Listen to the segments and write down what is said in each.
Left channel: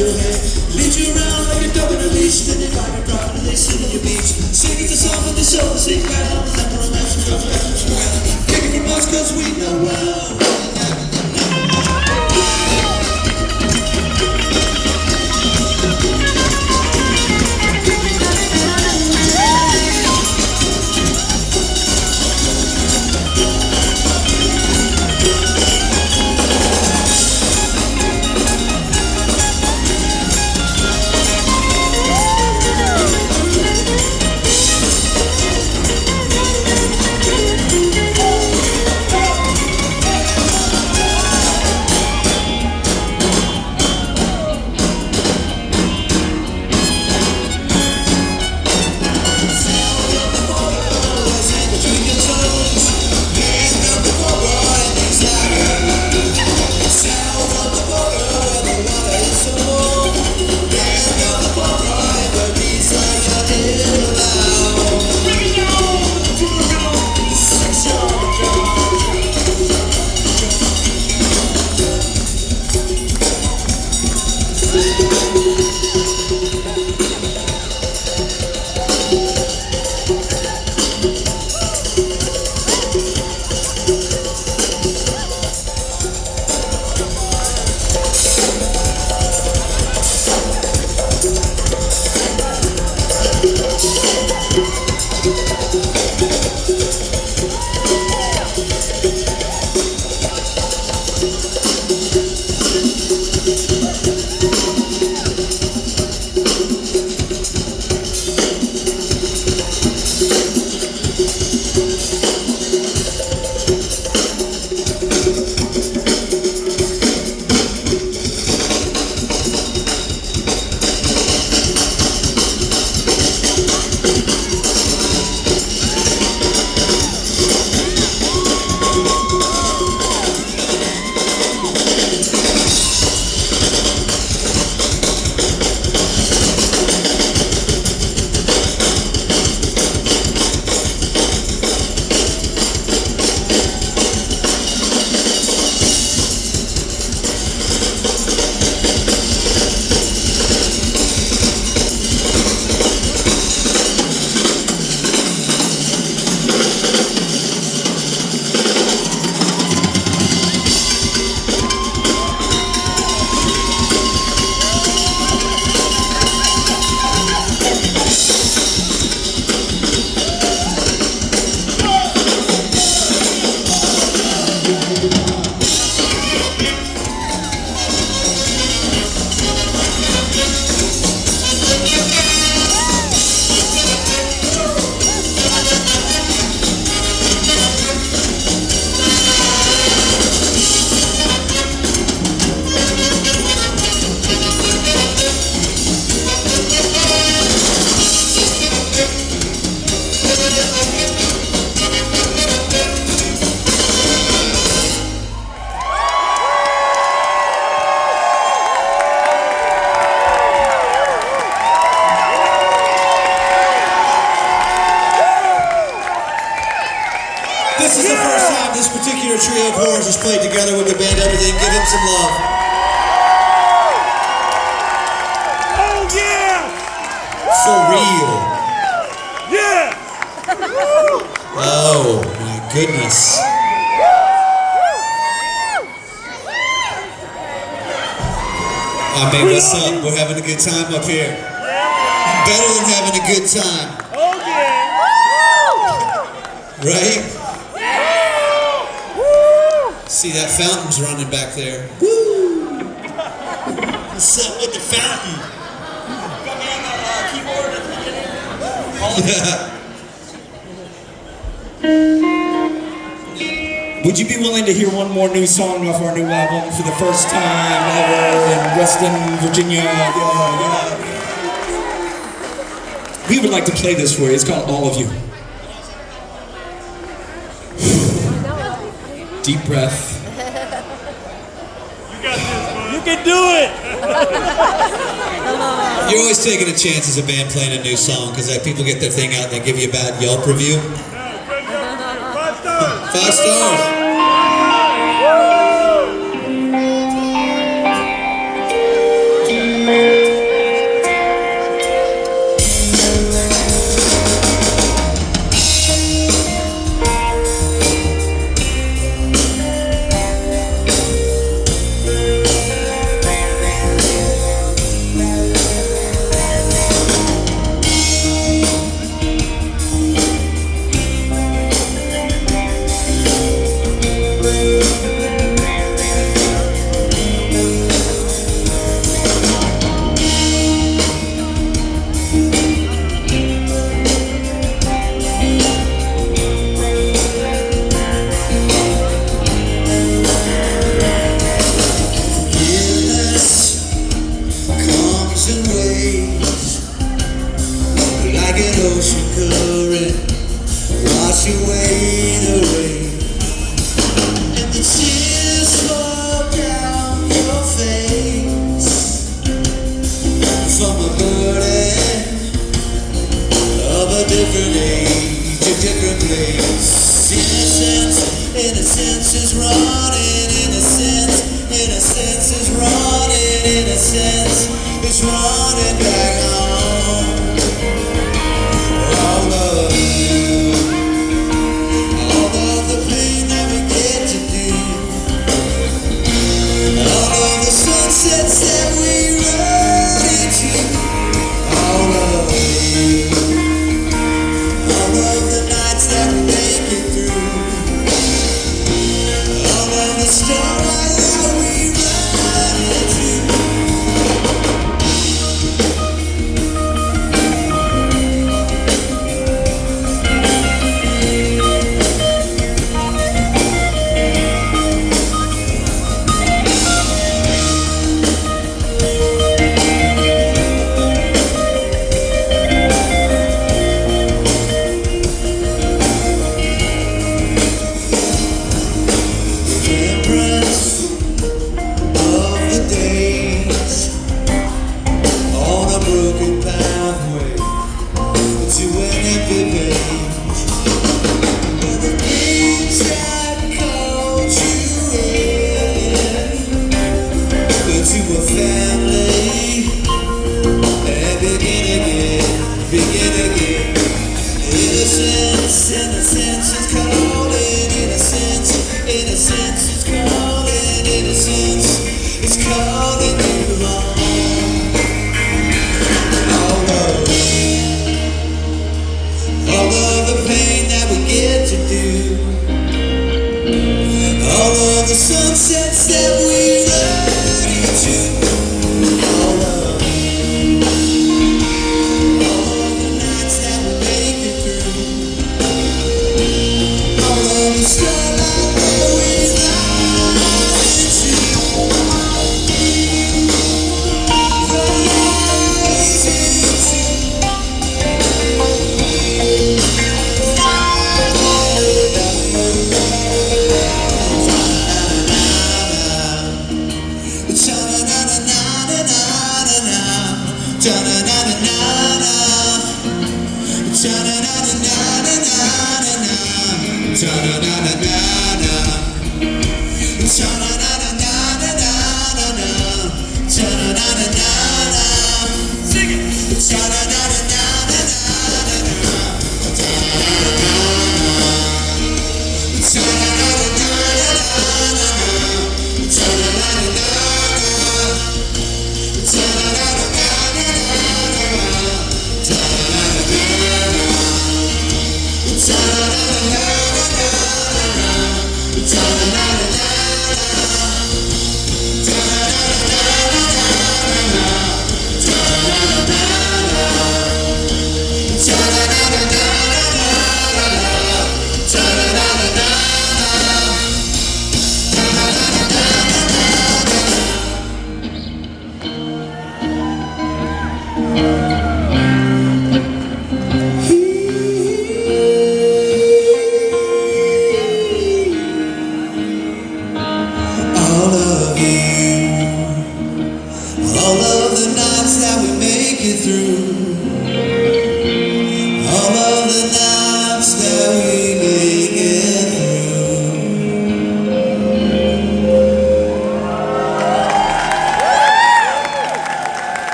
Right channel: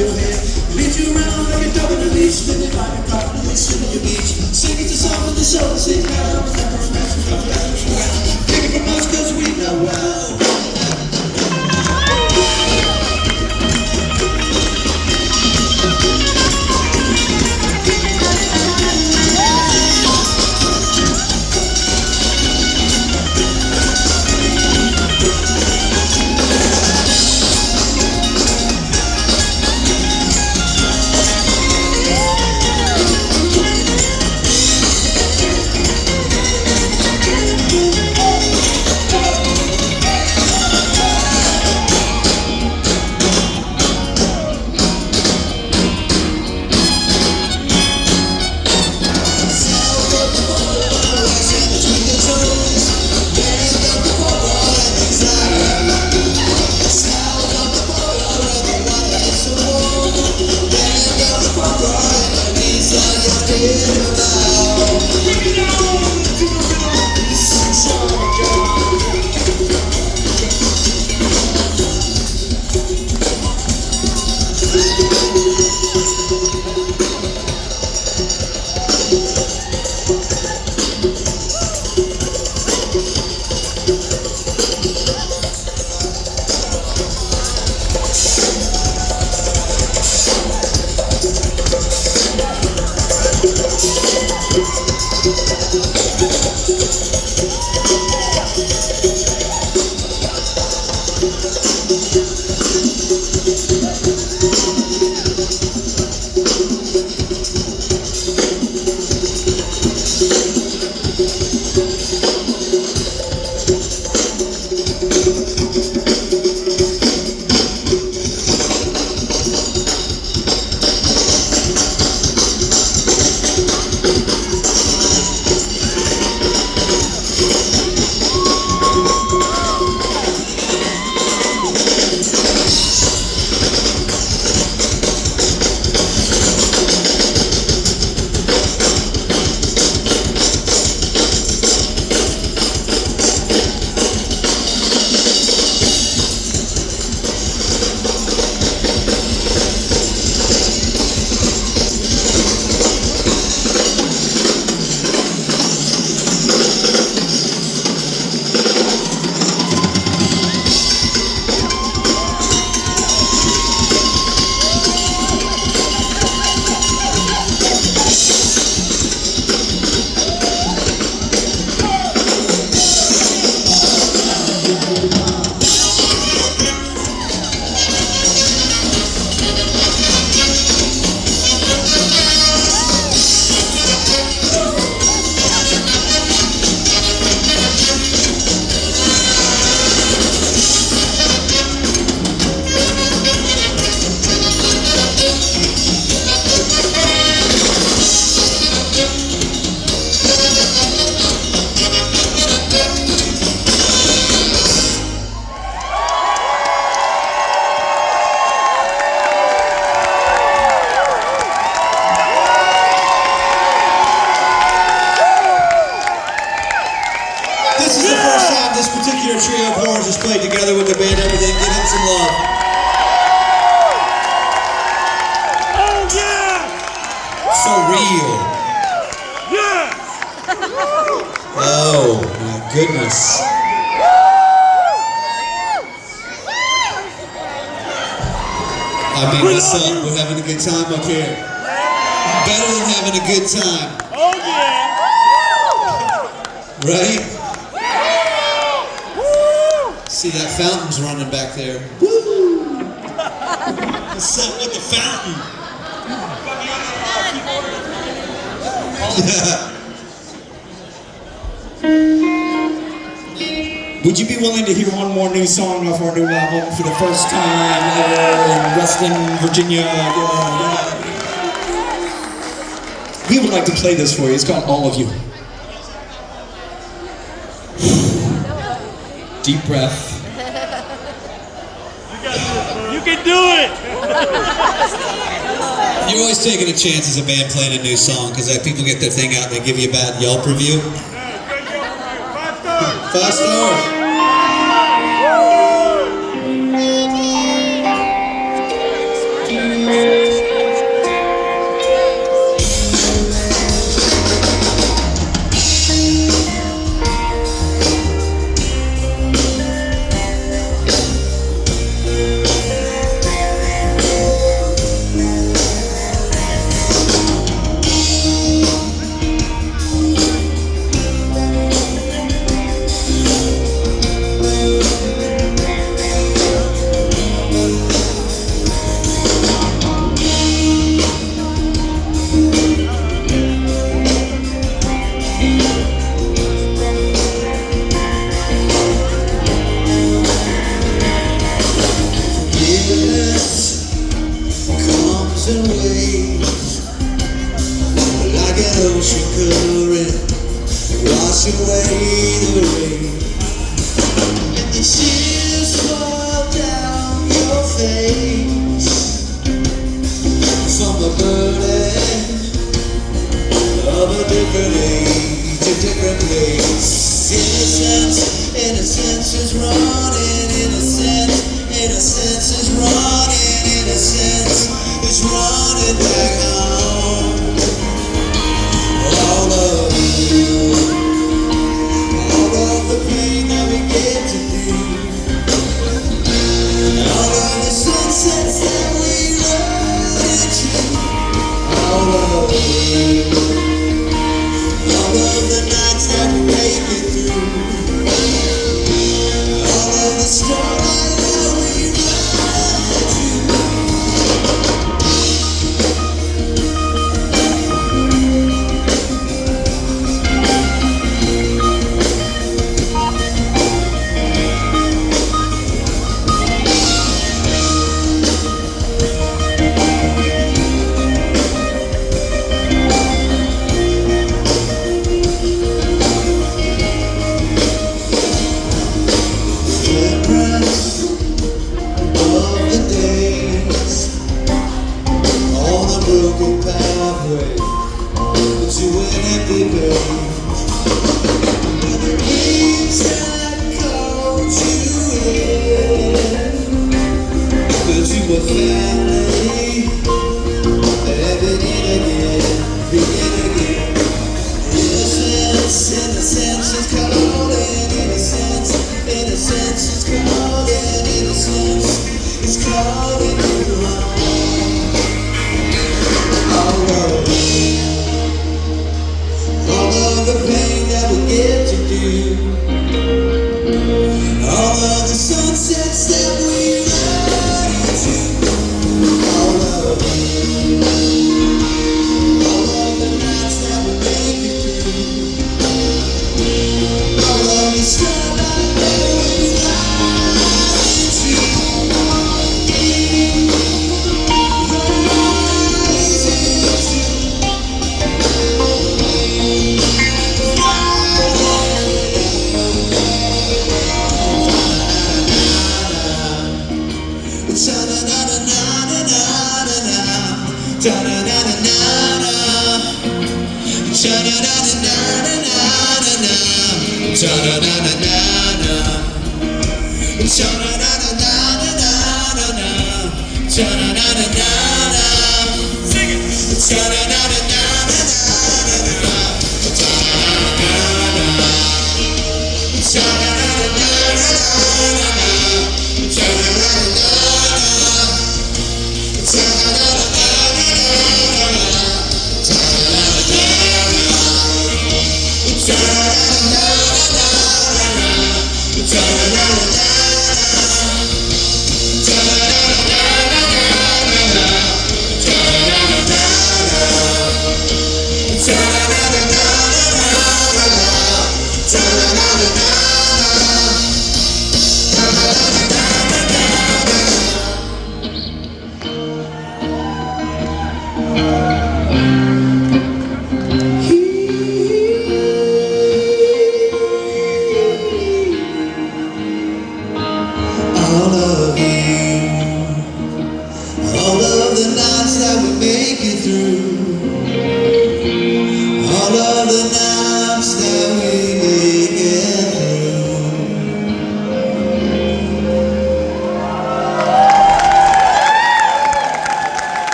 your head. Lead you around like a dog in a leash, then they got your properly sitting on your beach. Sing it to someone to show, sing it out, never around, come back around. Take it from us cause we know well. This is the first time this particular trio of horns has played together with the band Everything. Give them some love. Oh yeah! For real. Yeah! Oh my goodness. I mean, what's up? We're having a good time up here. Better than having a good time. Oh yeah! Right? See, that fountain's running back there. Woo! What's up with the fountain? Yeah. Would you be willing to hear one more new song off our new album for the first time ever in Reston, Virginia? We would like to play this for you. It's called All of You. Deep breath. You can do it! You're always taking a chance as a band playing a new song because people get their thing out and they give you a bad Yelp review. 5 stars! 5 stars. your family and begin again, begin again. Innocence, innocence is calling, innocence, innocence is calling, innocence is calling you home. All of the pain that we get to do, all of the sunsets that we ride into, all of the nights that we make it through, all of the starlight that we ride into.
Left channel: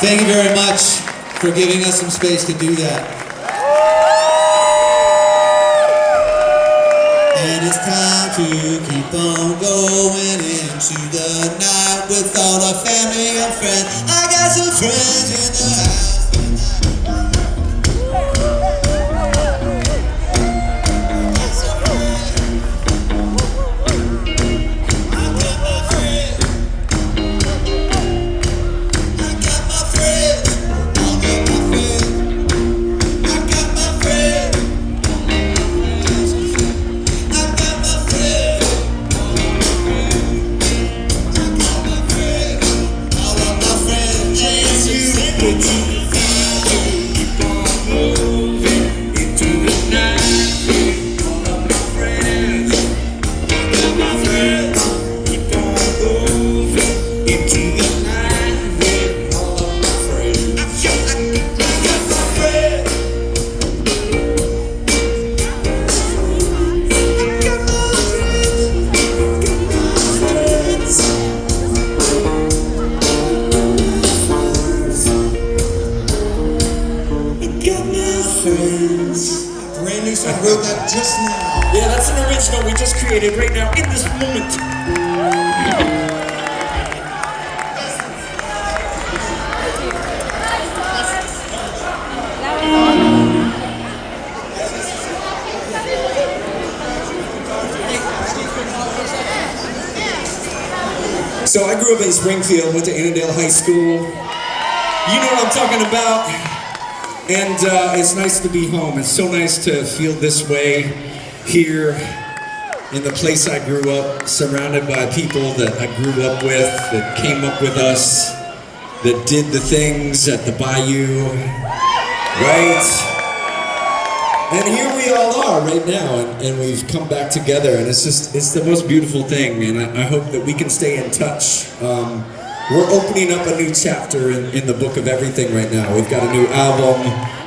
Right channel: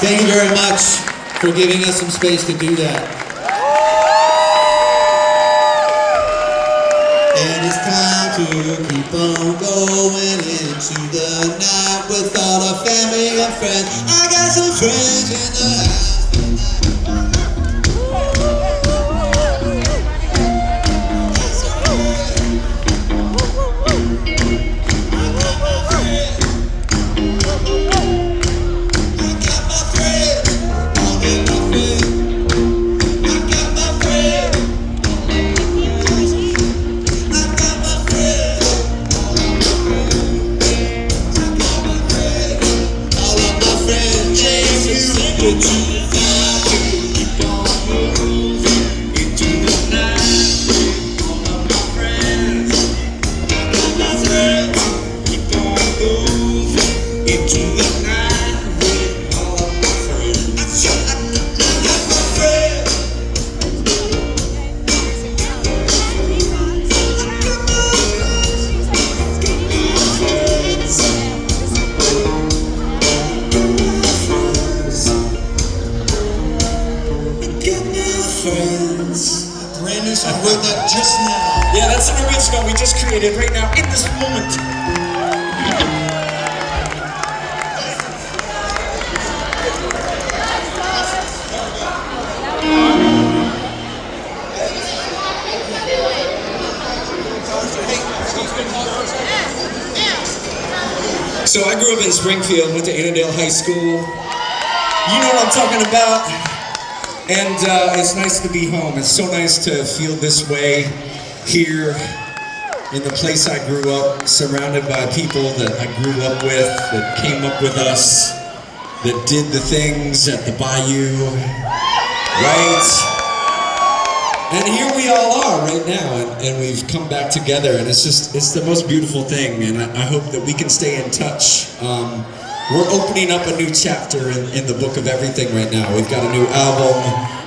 Thank you very much for giving us some space to do that. And it's time to keep on going into the night with all our family and friends. I got some friends in the house. Brand new song, wrote that just now. Yeah, that's an original we just created right now in this moment. So I grew up in Springfield, went to Annandale High School. You know what I'm talking about. And it's nice to be home. It's so nice to feel this way here in the place I grew up, surrounded by people that I grew up with, that came up with us, that did the things at the bayou, right? And here we all are right now, and we've come back together, and it's the most beautiful thing, and I hope that we can stay in touch. We're opening up a new chapter in the book of everything right now. We've got a new album,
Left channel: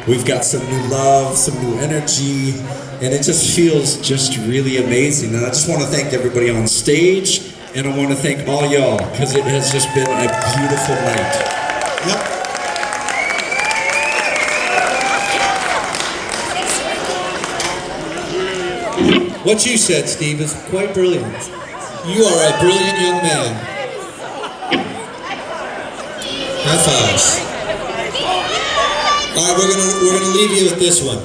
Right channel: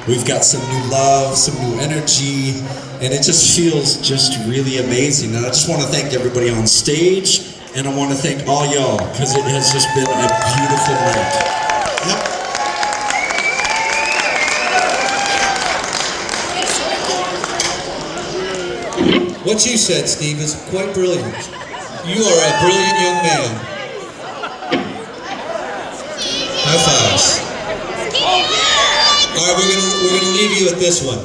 we've got some new love, some new energy, and it just feels just really amazing. And I just want to thank everybody on stage, And I want to thank all y'all, because it has just been a beautiful night. Yep. What you said, Steve, is quite brilliant. You are a brilliant young man. High fives. All right, we're gonna leave you with this one.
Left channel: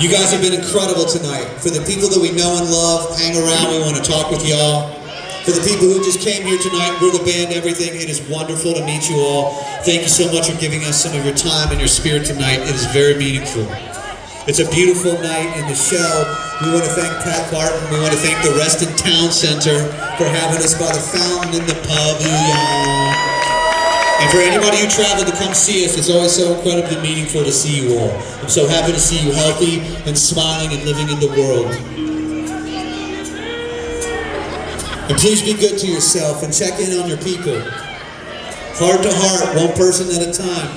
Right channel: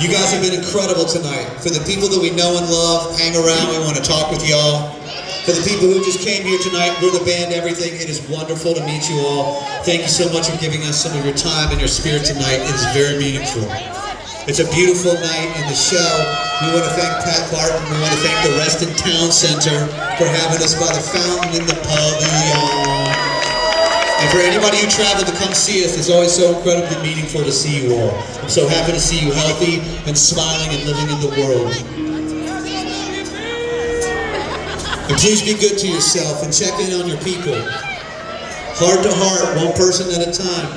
You guys have been incredible tonight. For the people that we know and love, hang around, we want to talk with y'all. For the people who just came here tonight, we're the band, everything. It is wonderful to meet you all. Thank you so much for giving us some of your time and your spirit tonight. It is very meaningful. It's a beautiful night in the show. We want to thank Pat Barton. We want to thank the Reston Town Center for having us by the fountain in the pavilion. And for anybody who traveled to come see us, it's always so incredibly meaningful to see you all. I'm so happy to see you healthy and smiling and living in the world. And please be good to yourself and check in on your people. Heart to heart, one person at a time.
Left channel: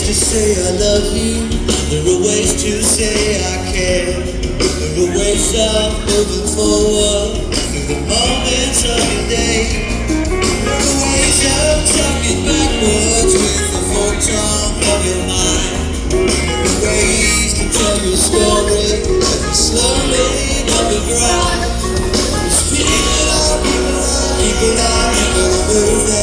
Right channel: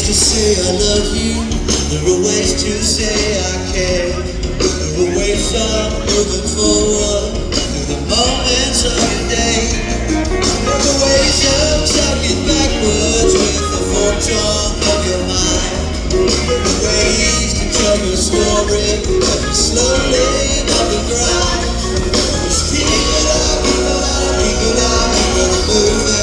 To say I love you, there are ways to say I care. There are ways of moving forward through the moments of your day. There are ways of talking backwards with the foretongue of your mind. There are ways to tell your story slowly on the ground. Speak it up, people are moving.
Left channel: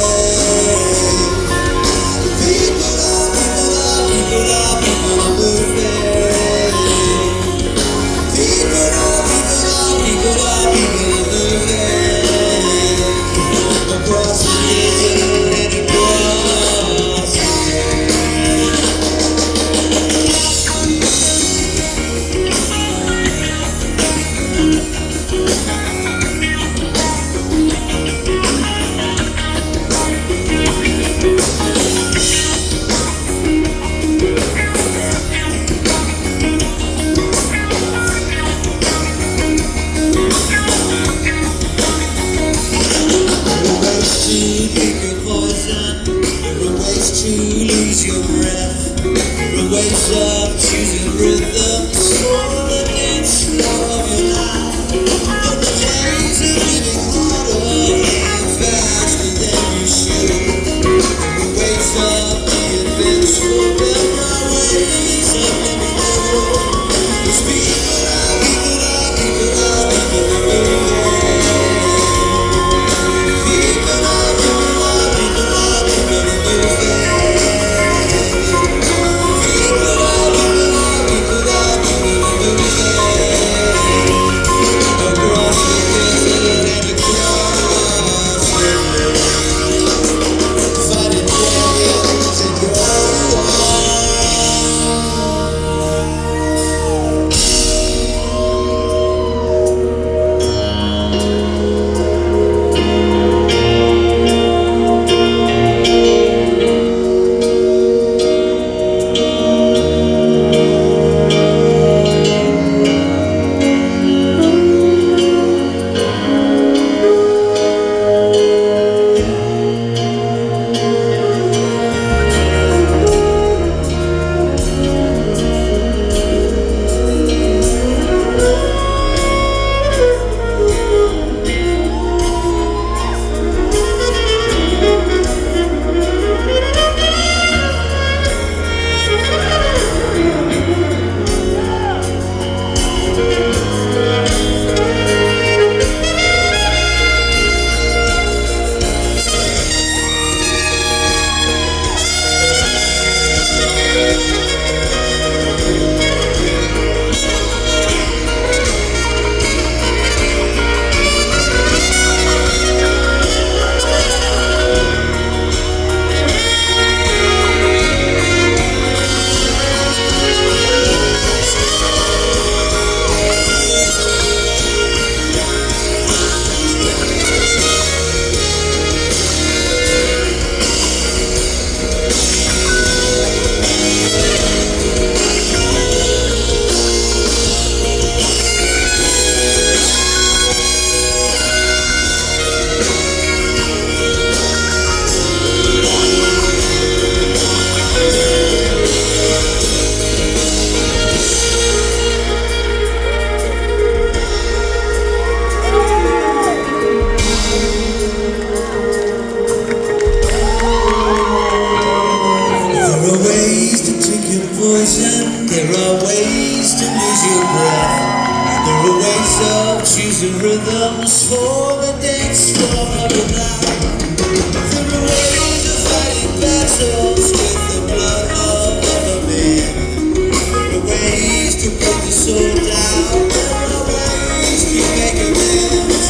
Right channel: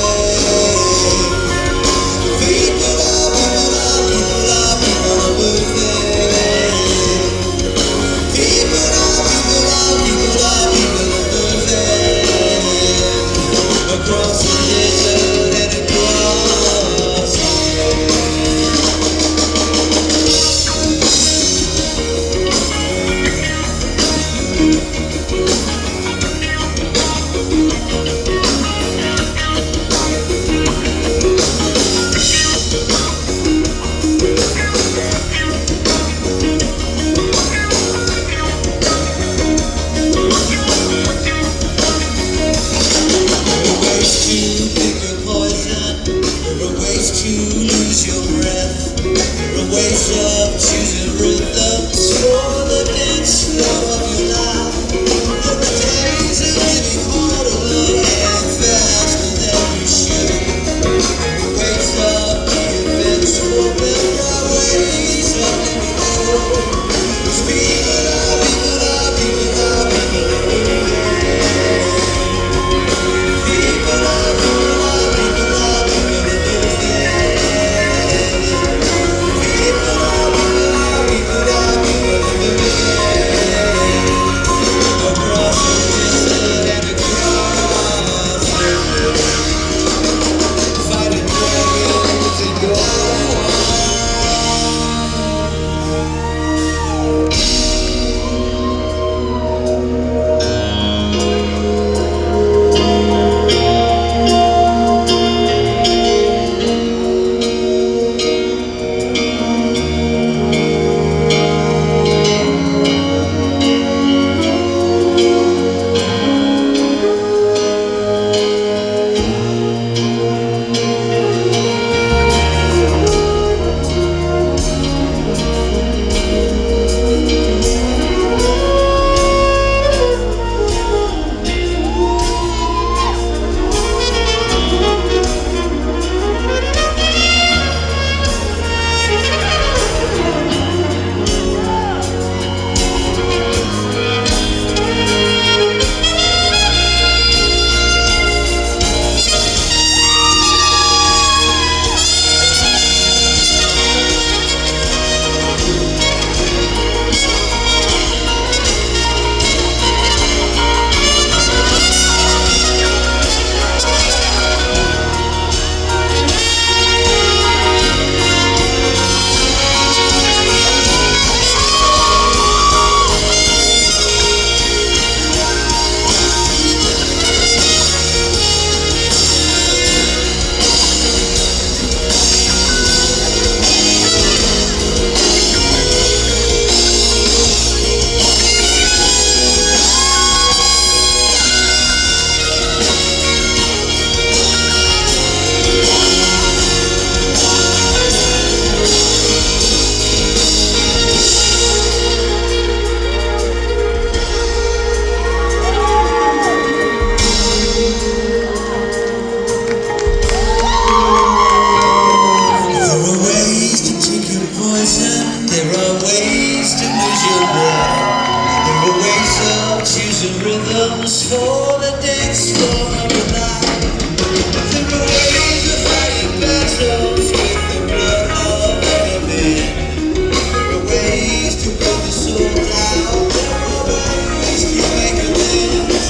the rhythms for the dance floor of the night. There are ways of fighting battles with the blood of other men. There are ways to put the soul down. There are ways to make amends.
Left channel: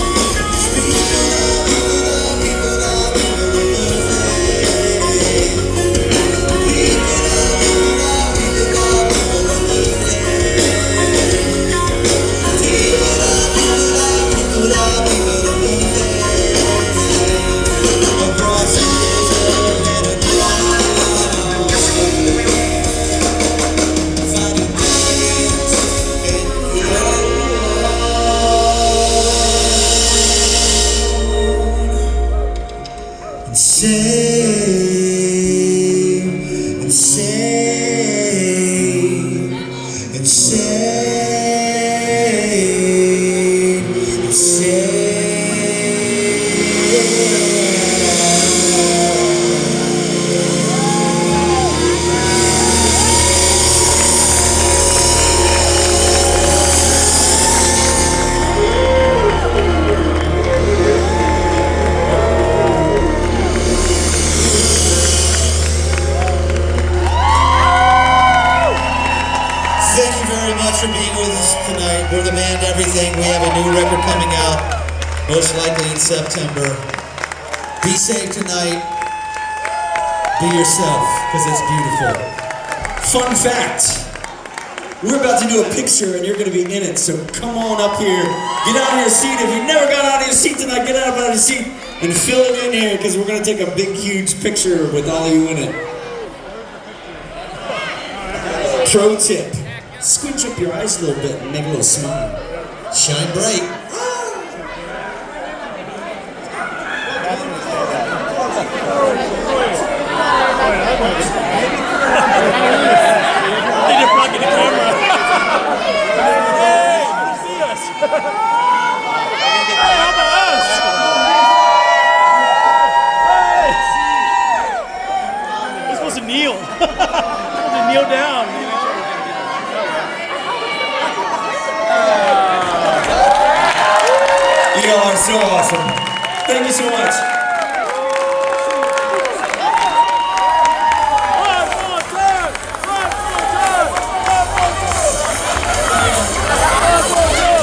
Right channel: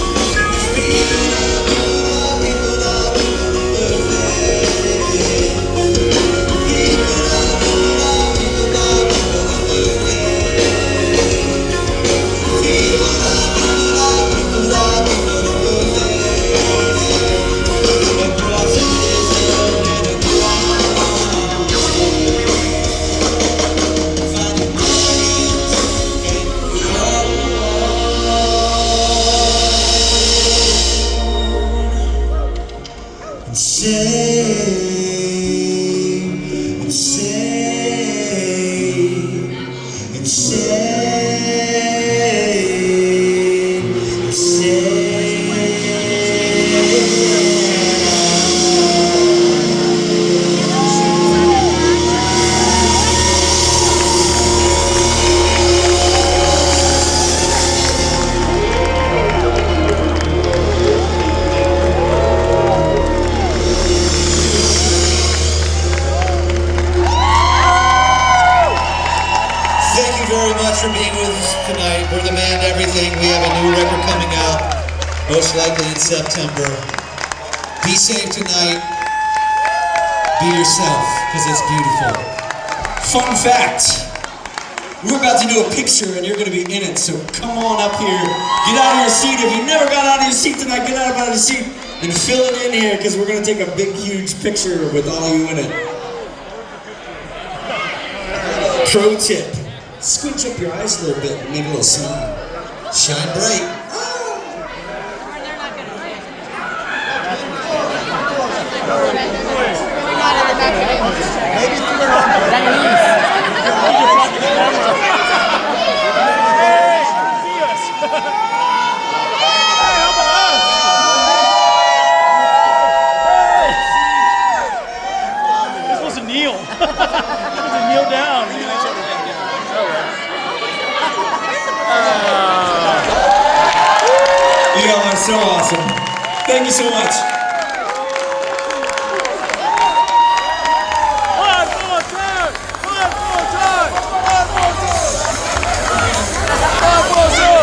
People love, people love, people love, people love it. People love, people love, people love, people love it. People love, people love, people love, people love it. Across the desert and across, finding millions and say, and say, and say, and say. Thank you very much for being with us tonight. We're the band Everything. We have a new record coming out, most likely in September. Be safe tonight. Be yourself, because it's beautiful. Fun fact, we're about to do a picture and you're going to be in it, so come on up here, get out of your seat. If you never got out of your seat tonight, get out of your seat and fill it in here, because we're going to take a big, huge picture with all you in it. Pro tip, squinch up your eyes a little bit and make a little smile. Shine bright. Hey, see us. Hey, how about us? Hey. We're supposed to kneel. We're supposed to kneel down. You all are so awesome. Thank you so much. One more time. One more time. One more time.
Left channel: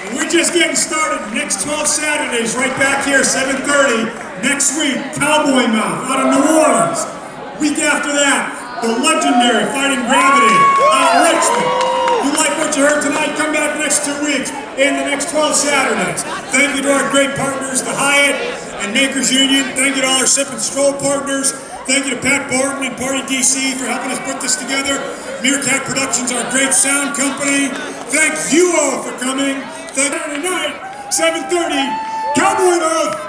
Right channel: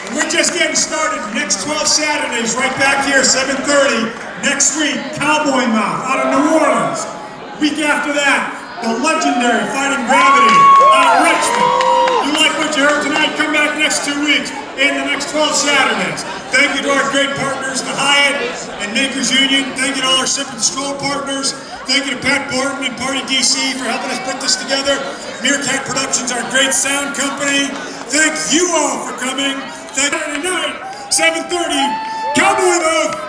And we're just getting started. Next 12 Saturdays, right back here, 7:30. Next week, Cowboy Mouth out of New Orleans. Week after that, the legendary Fighting Gravity out of Richmond. You like what you heard tonight? Come back next 2 weeks and the next 12 Saturdays. Thank you to our great partners, the Hyatt and Makers Union. Thank you to all our Sip and Stroll partners. Thank you to Pat Barton and Party DC for helping us put this together. Meerkat Productions, our great sound company. Thank you all for coming. Saturday night, 7:30, Cowboy Mouth.